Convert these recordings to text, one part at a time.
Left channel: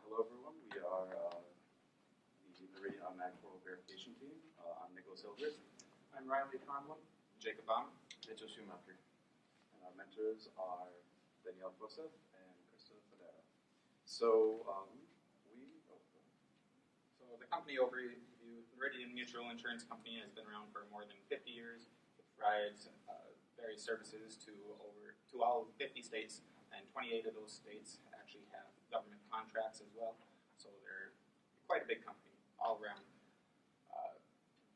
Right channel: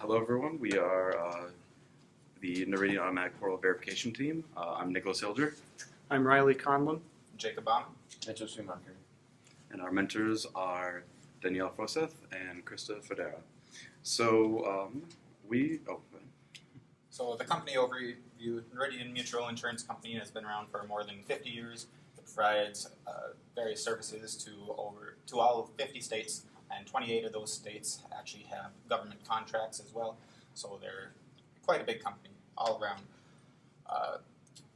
Hello everyone, we are the Noridian Automatic Portal Verification Team. I'm Nicholas Hilger. I'm Riley Conlon. Jacob Baum. Mitchell Schumacher. And our mentors are Danielle Froseth and Krista Federa. So So the company overview, Noridian Mutual Insurance Company, has been around for more than 50 years. It provides various services to all 50 states, and 28 of those states actually have government contracts as well. So they're quite a big company all around.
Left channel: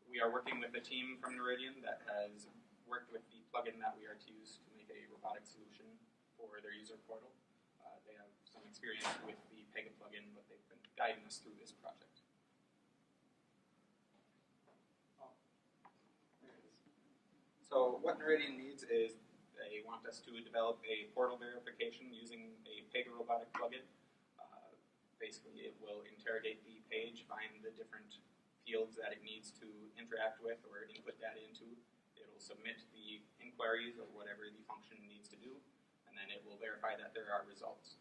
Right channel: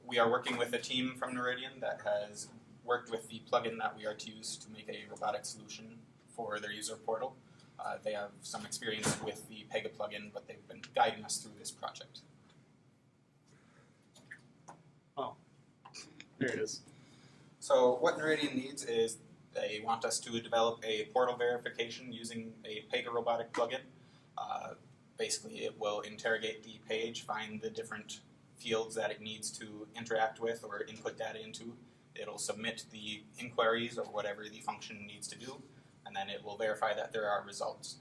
We are working with a team from Noridian that has worked with the plugin that we are to use to make a robotic solution for their user portal. They have some experience with the Pega plugin, but they've been guiding us through this project. Oh, there it is. So what Noridian needs is they want us to develop a portal verification using a Pega robotic plugin. Basically, it will interrogate the page, find the different fields that it needs to interact with or input data into. It'll submit the inquiries or whatever the function needs to do, and then it will verify that there are results.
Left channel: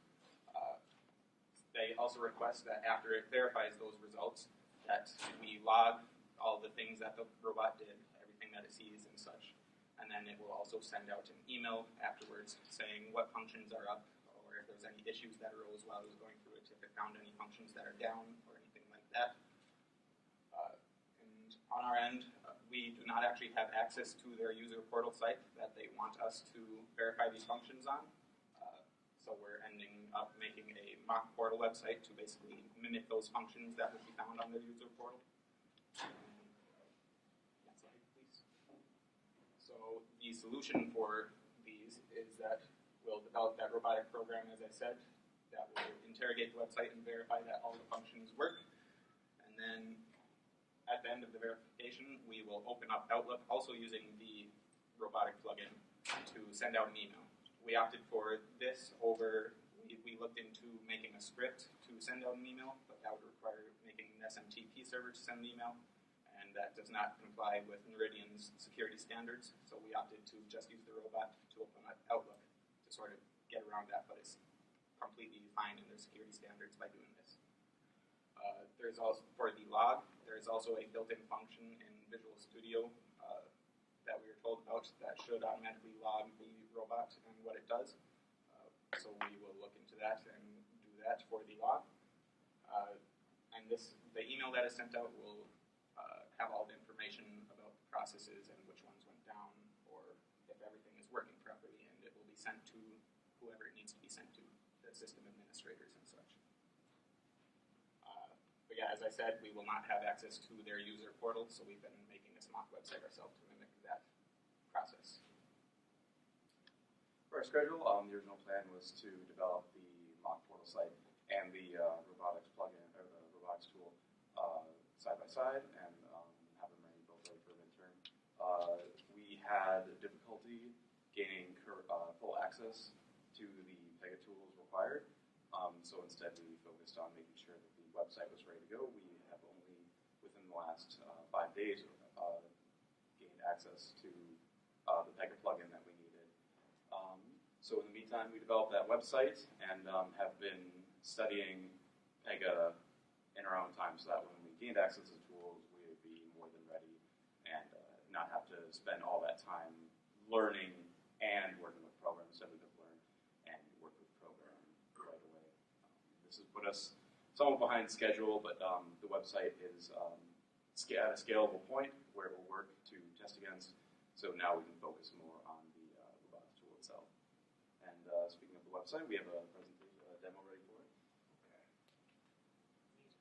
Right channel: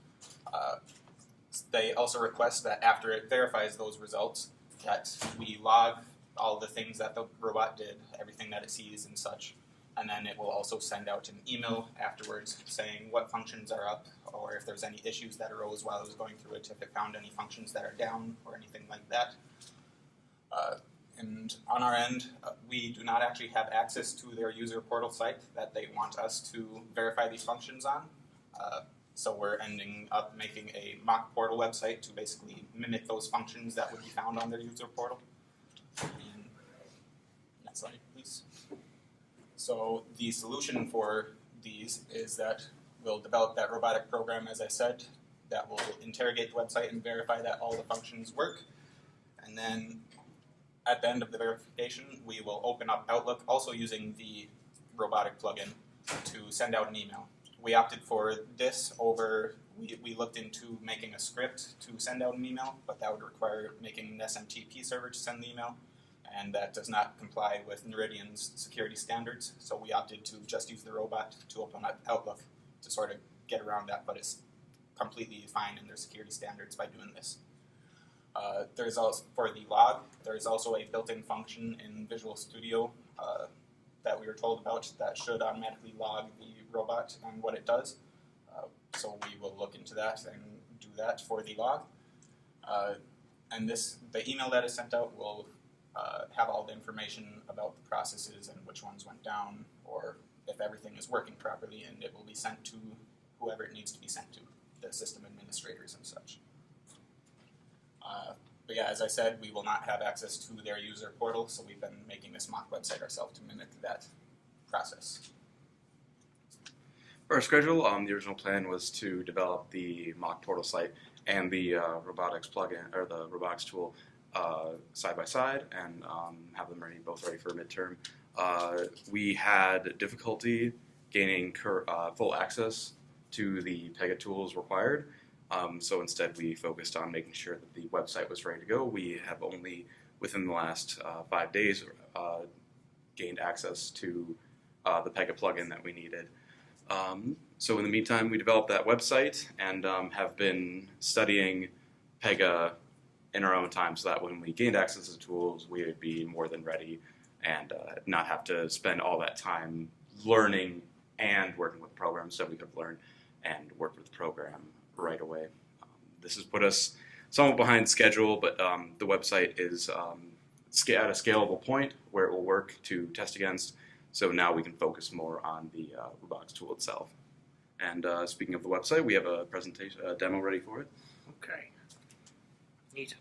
They also request that after it verifies those results, that we log all the things that the robot did, everything that it sees and such, and then it will also send out an email afterwards saying what functions are up or if there's any issues that arose while it was going through it, if it found any functions that are down or anything like that. And on our end, we do not actually have access to their user portal site that they want us to verify these functions on. So we're ending up making a mock portal website to basically mimic those functions that would be found on their user portal. And next slide, please. So the solution for these is that we'll develop that robotic program, as I said, that will interrogate the website and verify that all the functions work. And then at the end of the verification, we will open up Outlook, also using the robotic plugin, to send out an email. We opted for this over, we looked into making a script to send out an email, but that would require making an SMTP server to send the email, and that does not comply with Noridian's security standards, so we opted to just use the robot to open up Outlook to sort of get around that, but it's completely fine in their security standards by doing this. There's also, for the log, there's also a built-in function in Visual Studio that we were told about that should automatically log the robot and what it does. So we will look into that and do that for the log. And the email that is sent out will have all the information about the processes and which ones went down, or if everything is working properly, and it will be sent to whoever it needs to be sent to, the system administrators and such. But yeah, as I said, we will not have access to their user portal, so we've been making this mock website ourselves to mimic that process. for our schedule, the original plan was to develop the mock portal site and the robotics plugin, or the robotics tool, side by side, and have them both ready for midterm. We had difficulty gaining full access to the Pega tools required. So instead we focused on making sure that the website was ready to go. We have only, within the last 5 days, gained access to the Pega plugin that we needed. So in the meantime, we developed that website and have been studying Pega in our own time, so that when we gained access to the tools, we would be more than ready and not have to spend all that time learning and working with the program, so we could learn and work with the program right away. This has put us somewhat behind schedule, but the website is at a scalable point where it will work to test against, so now we can focus more on the robotics tool itself. And speaking of the website, we have a presentation, a demo ready for it. Okay. Neat.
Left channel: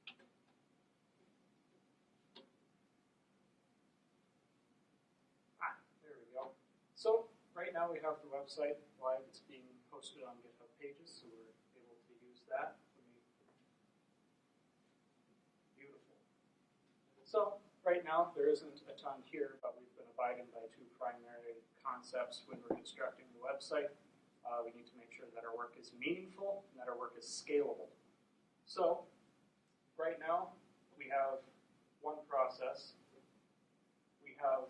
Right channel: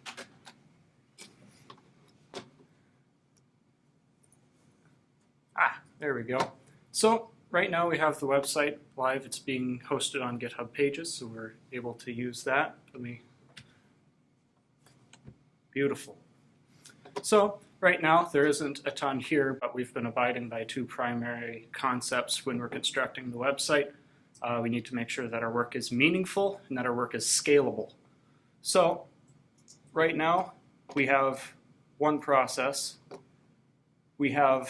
There we go. So right now we have the website live. It's being hosted on GitHub Pages, so we're able to use that. Beautiful. So right now there isn't a ton here, but we've been abiding by two primary concepts when we're constructing the website. We need to make sure that our work is meaningful and that our work is scalable. So right now we have one process. We have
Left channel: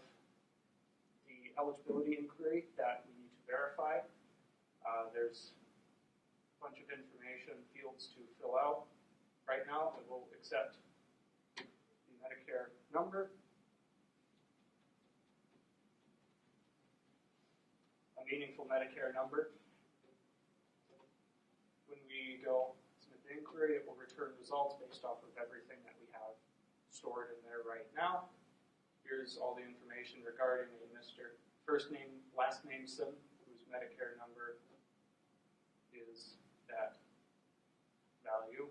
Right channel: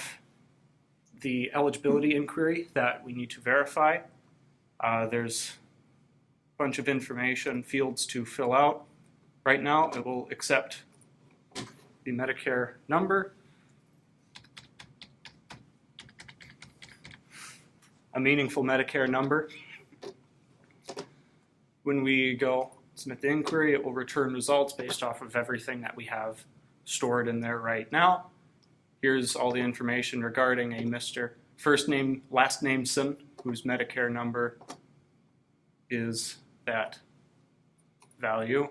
the eligibility inquiry that we need to verify. There's a bunch of information, fields to fill out. Right now, it will accept the Medicare number, a meaningful Medicare number. When we go submit the inquiry, it will return results based off of everything that we have stored in there right now. Here's all the information regarding a Mr. First name, last name Son, whose Medicare number is that value.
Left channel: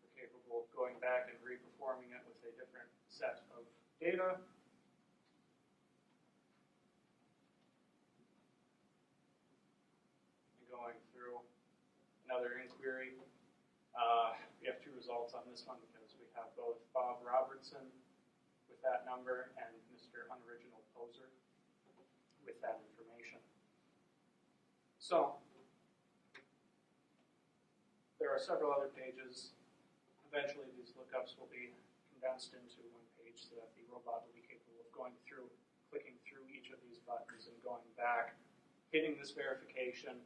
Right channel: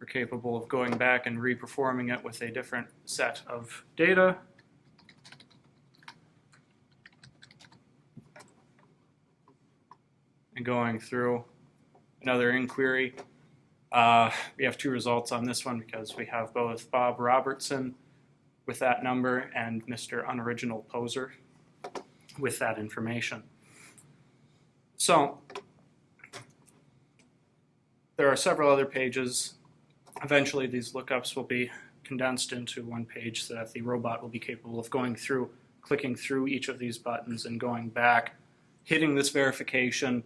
We're capable of going back and reperforming it with a different set of data. And going through another inquiry. We have two results on this one because we have both Bob Robertson with that number and Mr. Unoriginal Poser with that information. So there are several other pages. Eventually these lookups will be condensed into one page so that the robot will be capable of going through, clicking through each of these buttons and going back, hitting this verification,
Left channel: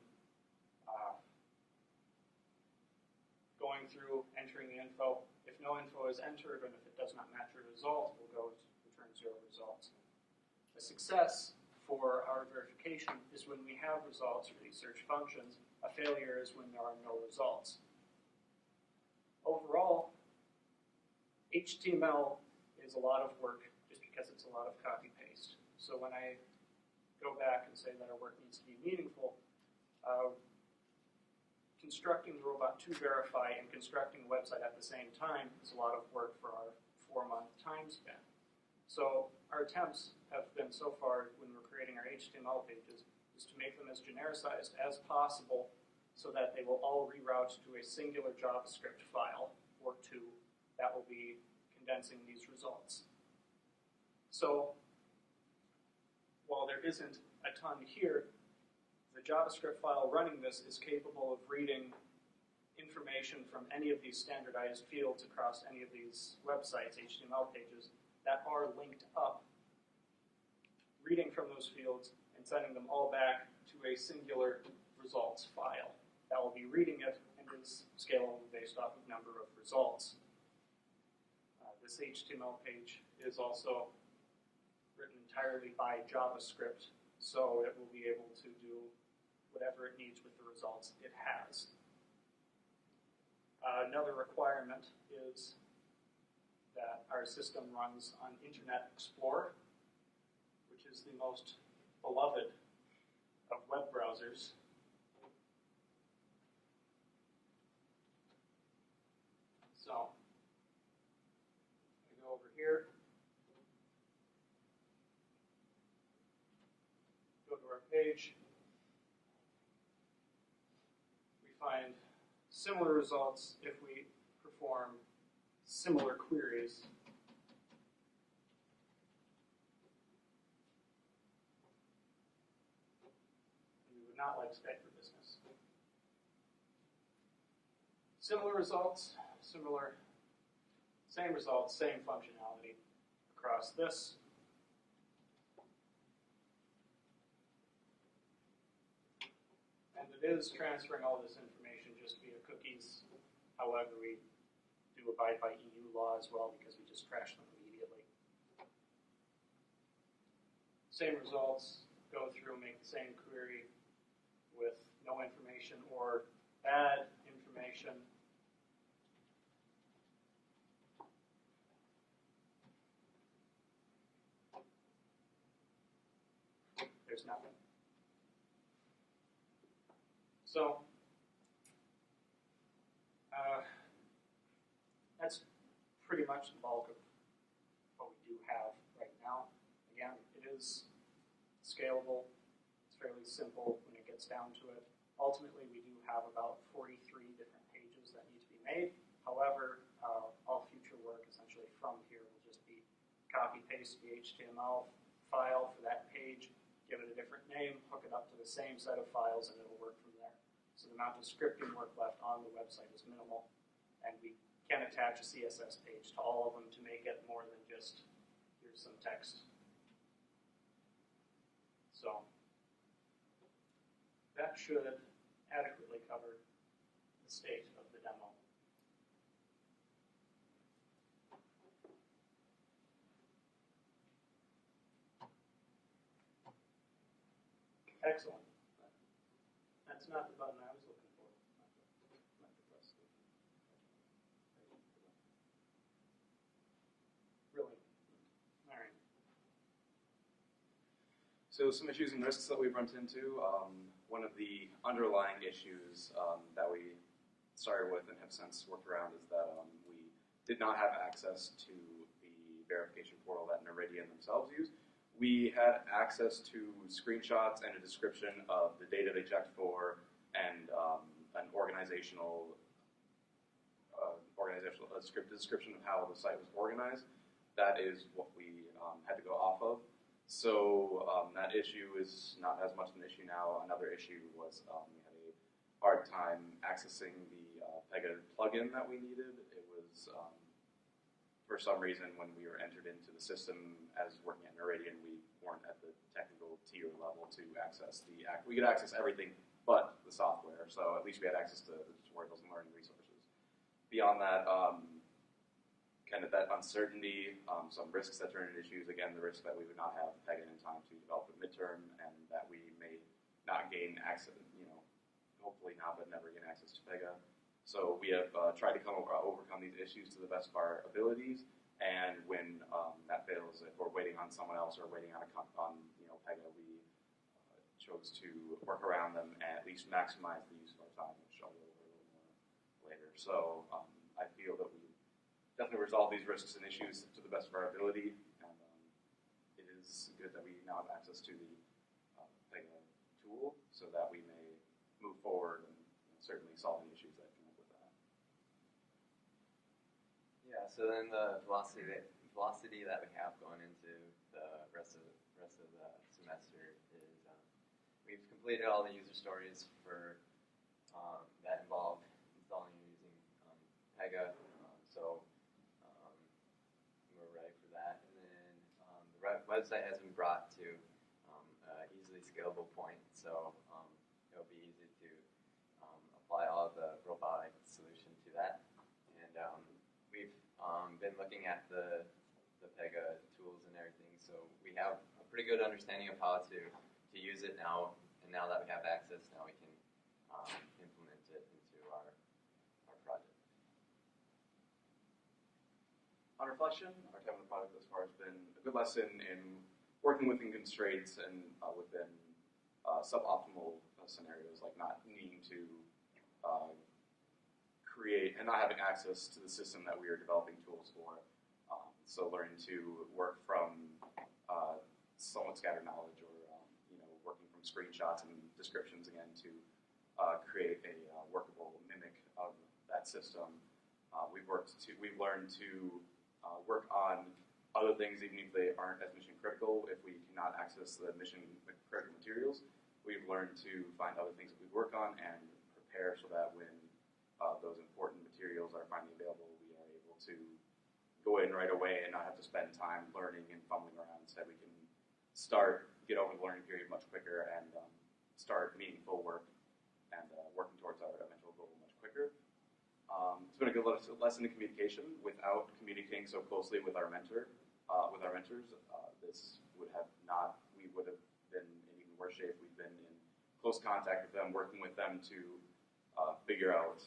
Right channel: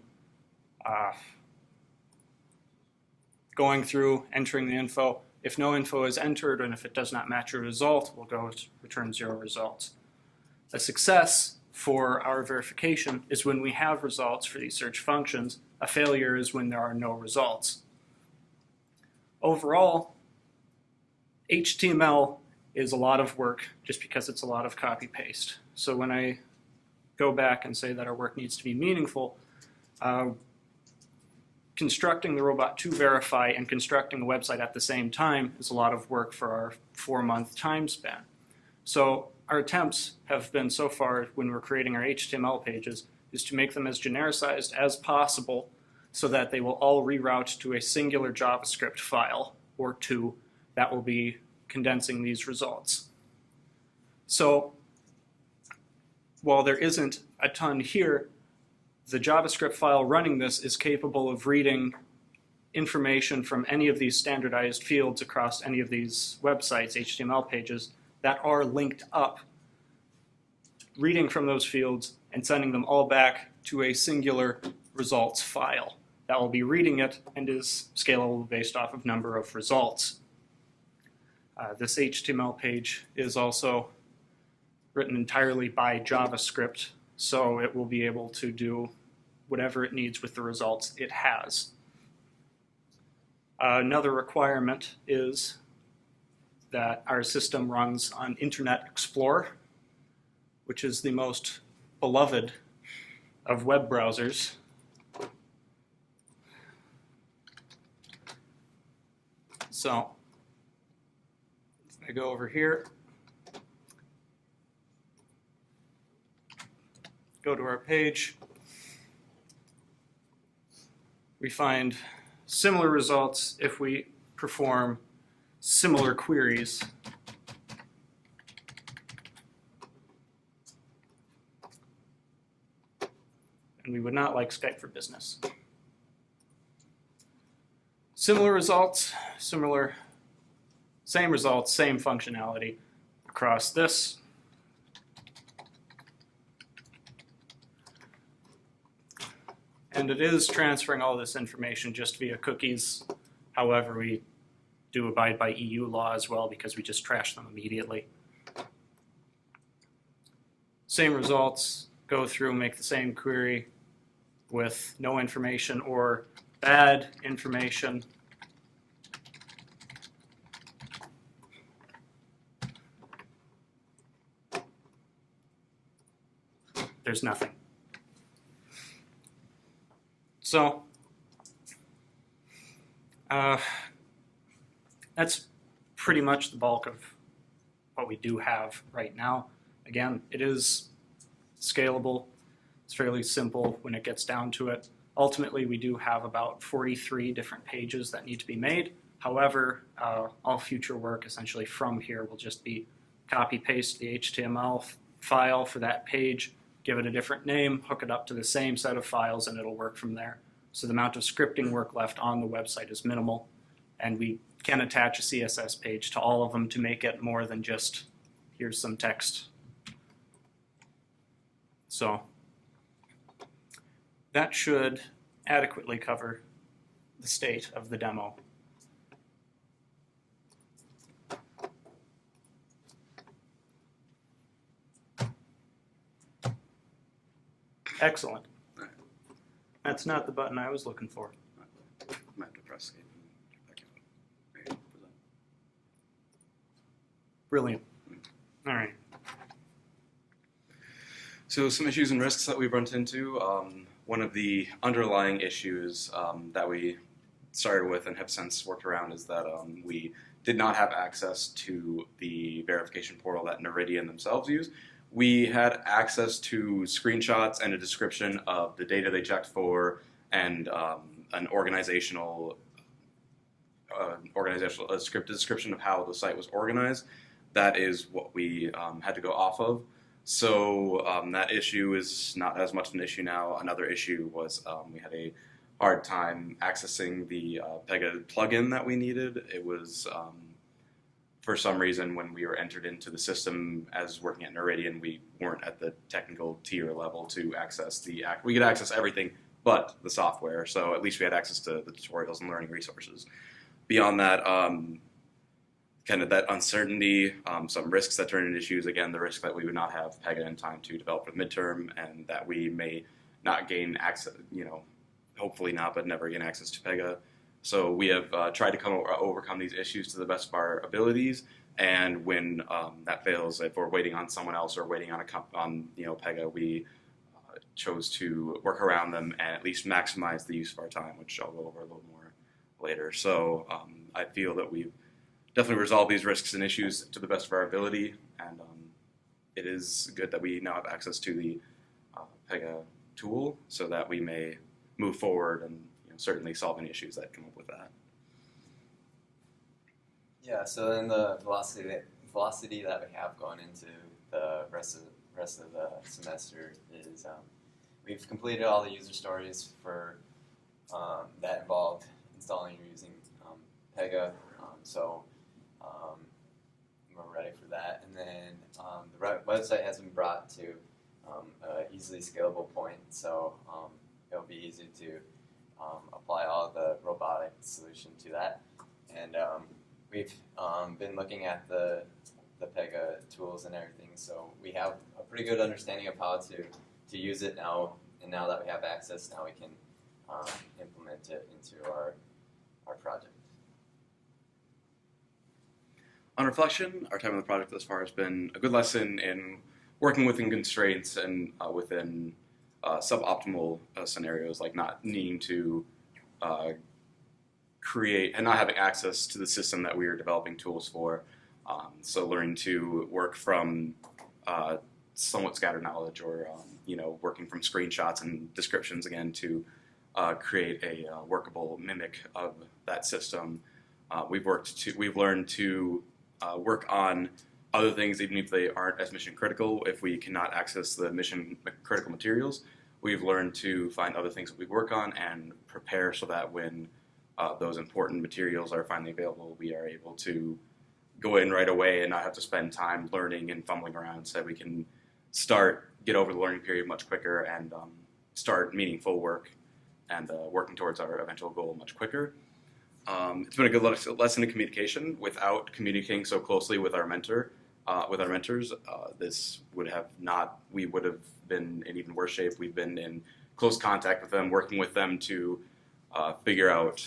going through, entering the info. If no info is entered and if it does not match a result, we'll go to return 0 results. A success for our verification is when we have results for these search functions. A failure is when there are no results. Overall, HTML is a lot of work just because it's a lot of copy-paste. So when I go back and say that our work needs to be meaningful, constructing the robot to verify and constructing the website at the same time is a lot of work for our 4-month time span. So our attempts have been so far when we're creating our HTML pages is to make them as genericized as possible so that they will all reroute to a singular JavaScript file or two that will be condensing these results. So while there isn't a ton here, the JavaScript file running this is capable of reading information from any of these standardized fields across any of these websites, HTML pages, that are linked up, reading from those fields and sending them all back to a singular results file. That will be reading it and is scalable based off of number of results. This HTML page is also written entirely by JavaScript, so it will be able to do whatever it needs with the results it has. Another requirement is that our system runs on Internet Explorer, which is the most beloved of web browsers. So if I go over here, go to our page, we find similar results if we perform similar queries. And we would not like Skype for Business. Similar results, same results, same functionality across this. And it is transferring all this information just via cookies. However, we do abide by EU law as well because we just trash them immediately. Same results, go through, make the same query with no information or bad information. There's nothing. So that's pretty much the bulk of what we do have right now. Again, it is scalable. It's fairly simple when it gets down to it. Ultimately, we do have about 43 different pages that need to be made. However, all future work essentially from here will just be copy-paste the HTML file for that page, give it a different name, hook it up to the same set of files, and it'll work from there. So the amount of scripting work left on the website is minimal, and we can attach a CSS page to all of them to make it more than just, here's some text. So that should adequately cover the state of the demo. Excellent. That's not the button I was looking for. Might have to press escape. There you go. Brilliant. All right. So some issues and risks that we've run into. One of the underlying issues that we started with and have since worked around is that we did not have access to the verification portal that Noridian themselves use. We had access to screenshots and a description of the data they checked for and an organizational a script description of how the site was organized. That is what we had to go off of. So that issue is not as much an issue now. Another issue was we had a hard time accessing the Pega plugin that we needed. It was, for some reason, when we were entered into the system as working at Noridian, we weren't at the technical tier level to access we could access everything but the software, so at least we had access to the tutorials and learning resources. Beyond that, kind of that uncertainty, some risks that turn into issues. Again, the risk that we would not have Pega in time to develop for the midterm, and that we may not gain access, hopefully not, but never gain access to Pega. So we have tried to overcome these issues to the best of our abilities, and when that fails, if we're waiting on someone else or waiting on Pega, we chose to work around them and at least maximize the use of our time, which I'll go over a little more later. So I feel that we've definitely resolve these risks and issues to the best of our ability, and it is good that we now have access to the Pega tool so that we may move forward and certainly solve any issues that come up with that. Yeah, so then the velocity that we have going into the rest of the semester is we've completed all the user stories for that involved installing or using Pega, so we're ready for that. And then the website has been brought to an easily scalable point, so it'll be easy to apply all the robotic solution to that. And we've been looking at the Pega tools and everything, so we have a pretty good understanding of how to use it now. And now that we have access, now we can implement it into our project. On reflection, our time on the project thus far has been a good lesson in working within constraints and within suboptimal scenarios, like not needing to create and not having access to the system that we are developing tools for. So learning to work from somewhat scattered knowledge, or working from screenshots and descriptions again to create a workable mimic of that system. We've learned to work on other things even if they aren't as mission critical. If we cannot access the mission critical materials, we've learned to find other things that we work on and prepare so that when those important materials are finally available, we are able to go in right away and not have to spend time learning and fumbling around, so that we can get over the learning period much quicker and start meaningful work and working towards our eventual goal much quicker. It's been a good lesson in communication. Without communicating so closely with our mentors, we would have been in even worse shape. We've been in close contact with them, working with them to figure out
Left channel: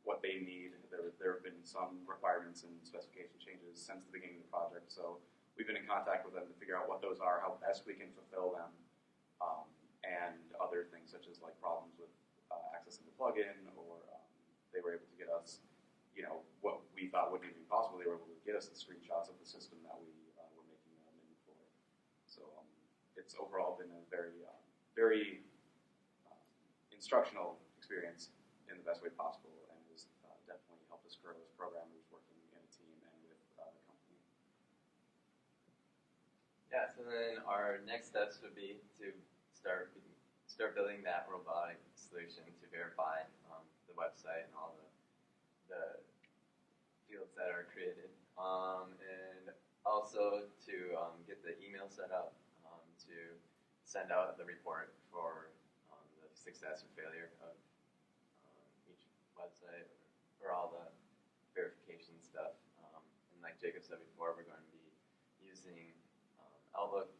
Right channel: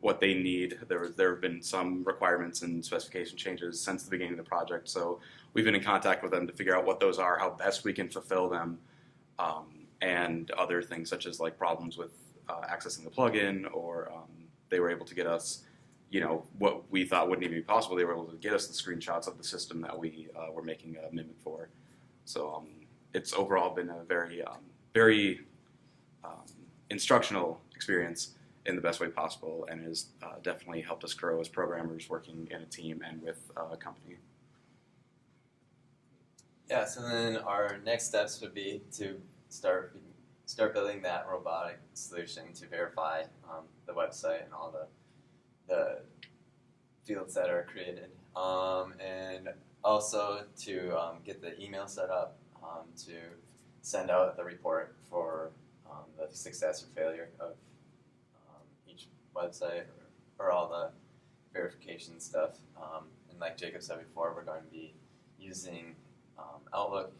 what they need. There have been some requirements and specification changes since the beginning of the project, so we've been in contact with them to figure out what those are, how best we can fulfill them, and other things such as like problems with accessing the plugin, or they were able to get us, what we thought wouldn't even be possible. They were able to get us the screenshots of the system that we were making a mimic for. So it's overall been a very instructional experience in the best way possible, and has definitely helped us grow as programmers working in a team and with a company. Yeah, so then our next steps would be to start building that robotic solution to verify the website and all the fields that are created, and also to get the email set up to send out the report for the success or failure of each website, or all the verification stuff. And like Jacob said before, we're going to be using Outlook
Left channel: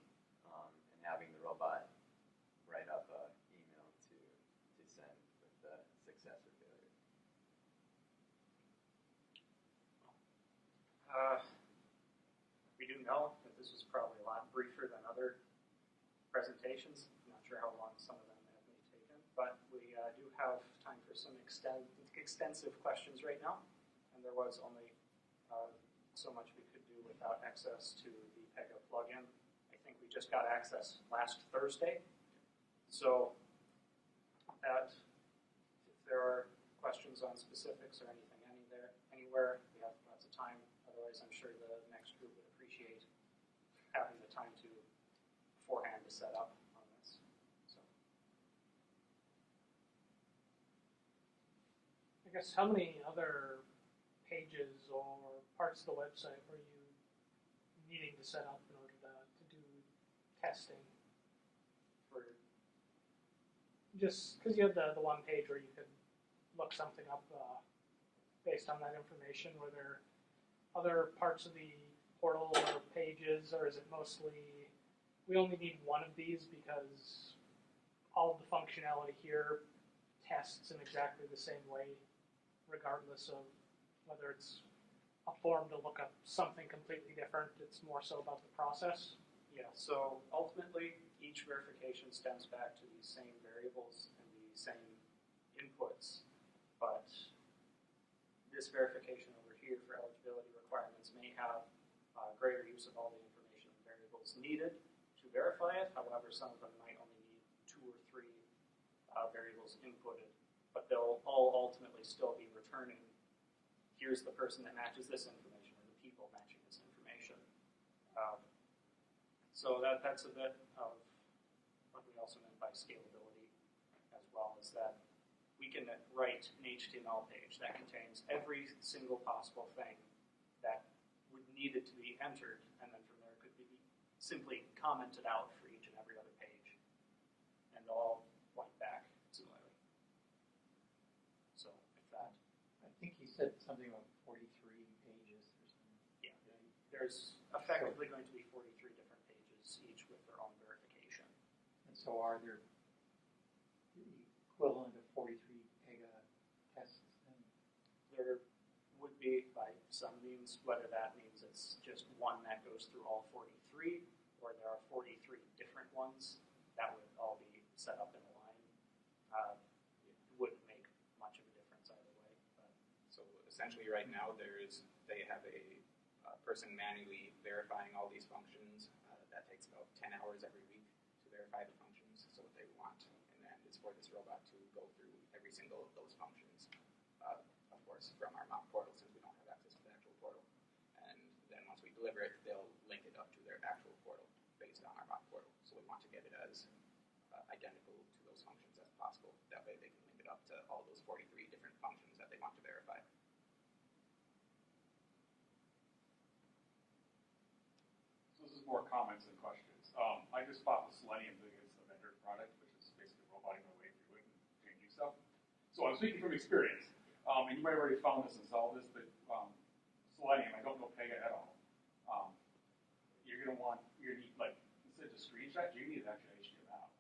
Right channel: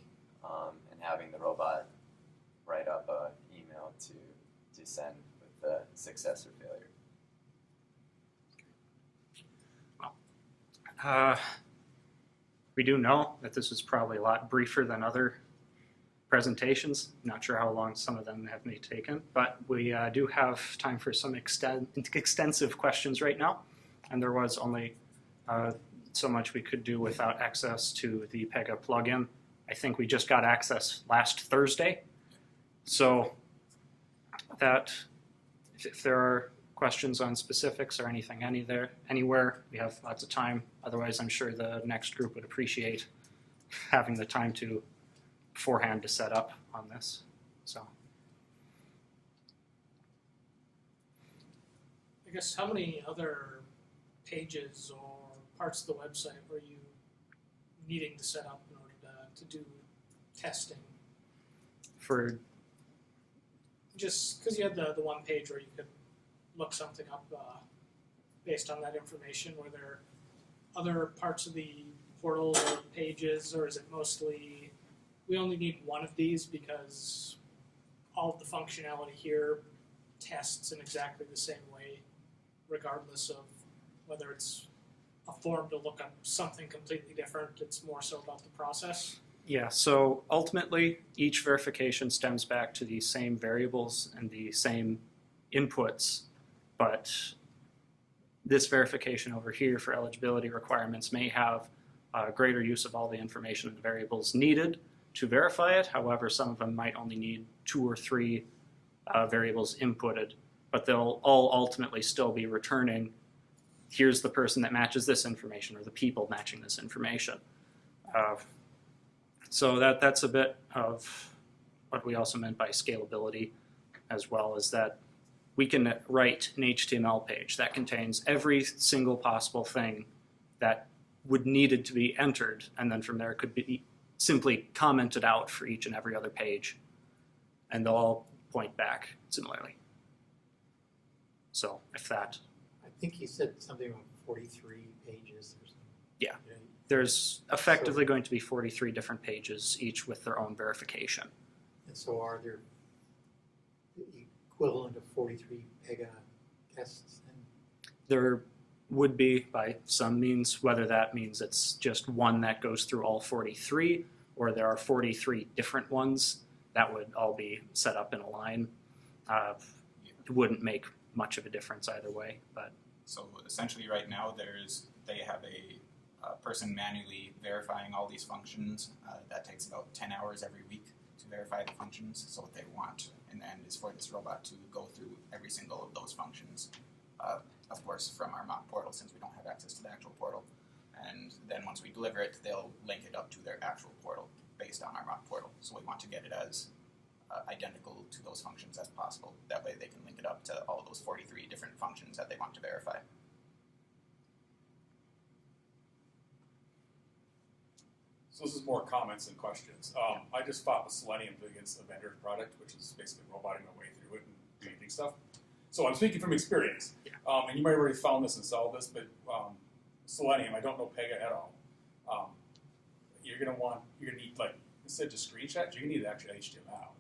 and having the robot write up resend with the success or failure. We do know that this was probably a lot briefer than other presentations. Not sure how long some of them have may taken, but we do have time for some extensive questions right now. And there was only so much we could do without access to the Pega plugin. I think we just got access last Thursday. So that if there are questions on specifics or anything anywhere, we have lots of time. Otherwise, I'm sure the next group would appreciate having the time to beforehand to set up on this. So I guess how many other pages or parts of the website were you needing to set up in order to do testing? for Just because you had the one page where you could look something up based on that information, were there other parts of the portal or pages, or is it mostly we only need one of these because all of the functionality here tests in exactly the same way, regardless of whether it's a form to look up something completely different? It's more so about the process. Yeah, so ultimately, each verification stems back to the same variables and the same inputs, but this verification over here for eligibility requirements may have greater use of all the information and the variables needed to verify it. However, some of them might only need 2 or 3 variables inputted, but they'll all ultimately still be returning, here's the person that matches this information, or the people matching this information. So that's a bit of what we also meant by scalability, as well as that we can write an HTML page that contains every single possible thing that would needed to be entered, and then from there it could be simply commented out for each and every other page, and they'll all point back similarly. So if that, I think he said something on 43 pages or something. Yeah. There's effectively going to be 43 different pages, each with their own verification. And so are there the equivalent of 43 Pega tests then? There would be by some means, whether that means it's just one that goes through all 43, or there are 43 different ones that would all be set up in a line. It wouldn't make much of a difference either way. But So essentially right now they have a person manually verifying all these functions. That takes about 10 hours every week to verify the functions. So what they want in the end is for this robot to go through every single of those functions. Of course, from our mock portal, since we don't have access to the actual portal. And then once we deliver it, they'll link it up to their actual portal based on our mock portal. So we want to get it as identical to those functions as possible. That way they can link it up to all those 43 different functions that they want to verify. So this is more comments than questions. I just fought with Selenium against a vendor product, which is basically roboting my way through it and painting stuff. So I'm speaking from experience. And you might have already found this and solved this, but Selenium, I don't know Pega at all. You're gonna need, like, instead of just screenshots, you're gonna need actual HTML.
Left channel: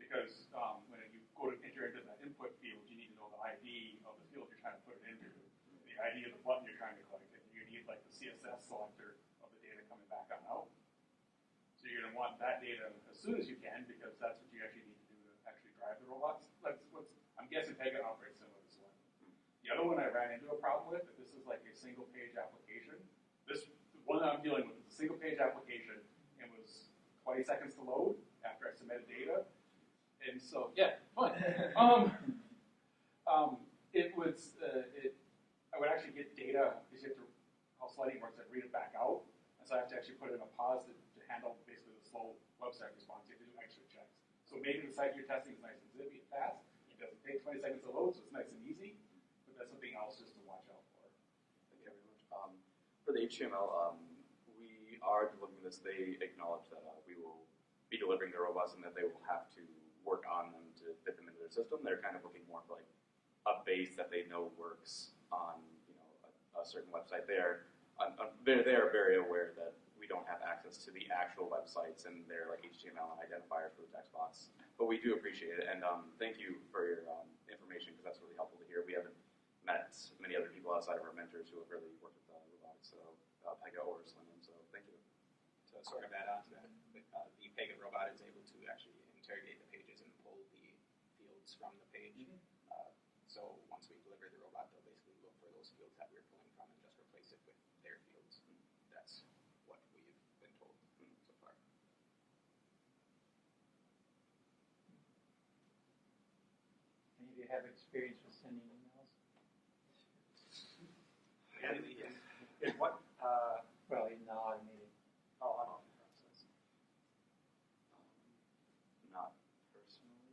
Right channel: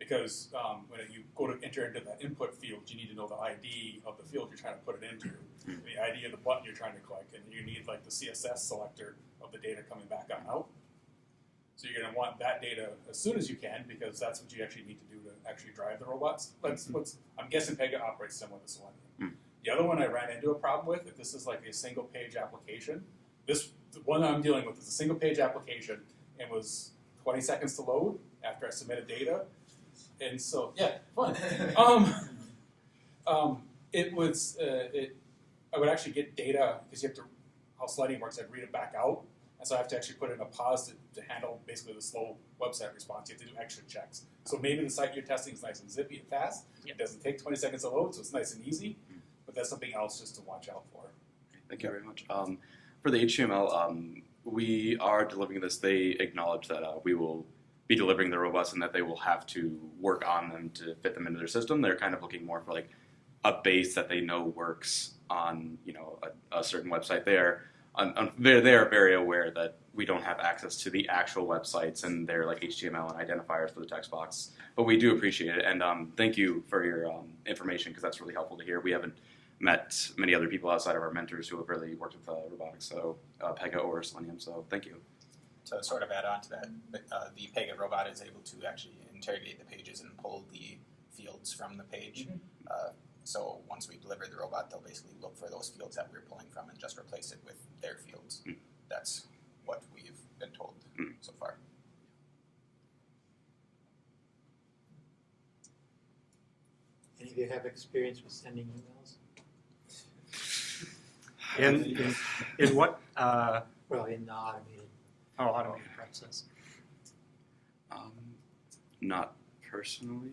Because when you go to enter into that input field, you need to know the ID of the field you're trying to put it into, the ID of the button you're trying to click, and you need like the CSS selector of the data coming back on out. So you're going to want that data as soon as you can, because that's what you actually need to do to actually drive the robots. I'm guessing Pega operates similar to Selenium. The other one I ran into a problem with, if this is like a single page application, the one I'm dealing with is a single page application and was 20 seconds to load after I submitted data. And so, yeah, fun. I would actually get data, because you have to, how Selenium works, I'd read it back out. And so I have to actually put in a pause to handle basically the slow website response. You have to do extra checks. So maybe the site you're testing is nice and zippy and fast. Yep. It doesn't take 20 seconds to load, so it's nice and easy. But that's something else just to watch out for. Thank you very much. For the HTML, we are delivering this. They acknowledge that we will be delivering the robots and that they will have to work on them to fit them into their system. They're kind of looking more for like a base that they know works on, a certain website. They are very aware that we don't have access to the actual websites and their like HTML and identifiers for the text box. But we do appreciate it, and thank you for your information because that's really helpful to hear. We haven't met many other people outside of our mentors who have really worked with robotics, so Pega or Selenium. So thank you. To sort of add on to that, the Pega robot is able to actually interrogate the pages and pull the fields from the page. So once we deliver the robot, they'll basically look for those fields that we're pulling from and just replace it with their fields. That's what we've been told so far. Any of you have experience with sending emails? In what Well, in the automated. automated process? Not personally.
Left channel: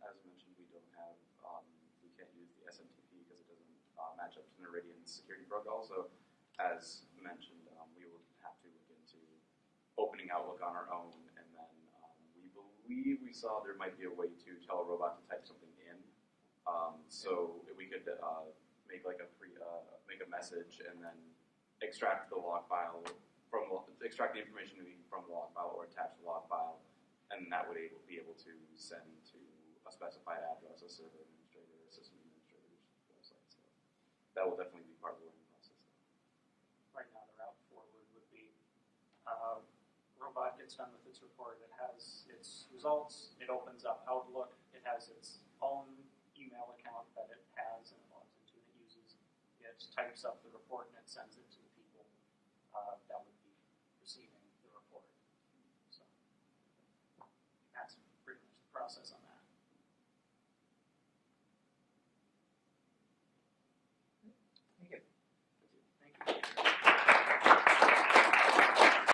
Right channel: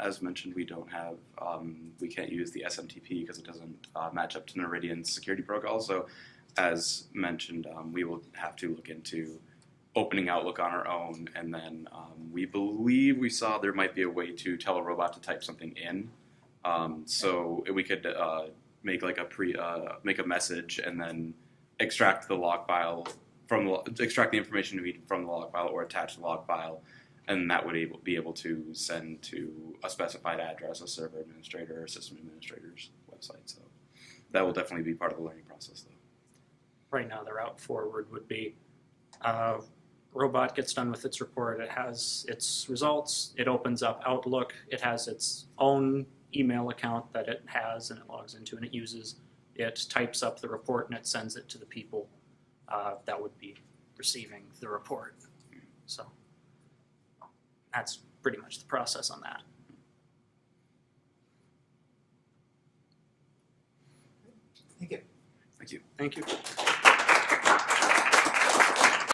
As mentioned, we don't have, we can't use the SMTP because it doesn't match up to Noridian's security protocol. So, as mentioned, we will have to look into opening Outlook on our own, and then we believe we saw there might be a way to tell a robot to type something in. So we could make like make a message and then extract the log file extract the information from the log file or attach the log file. And that would be able to send to a specified address, a server administrator or system administrator's website. So that will definitely be part of the learning process, though. Right now, the route forward would be robot gets done with its report. It has its results. It opens up Outlook. It has its own email account that it has and it logs into and it uses. It types up the report and it sends it to the people that would be receiving the report. So that's pretty much the process on that. Thank you. Thank you. Thank you.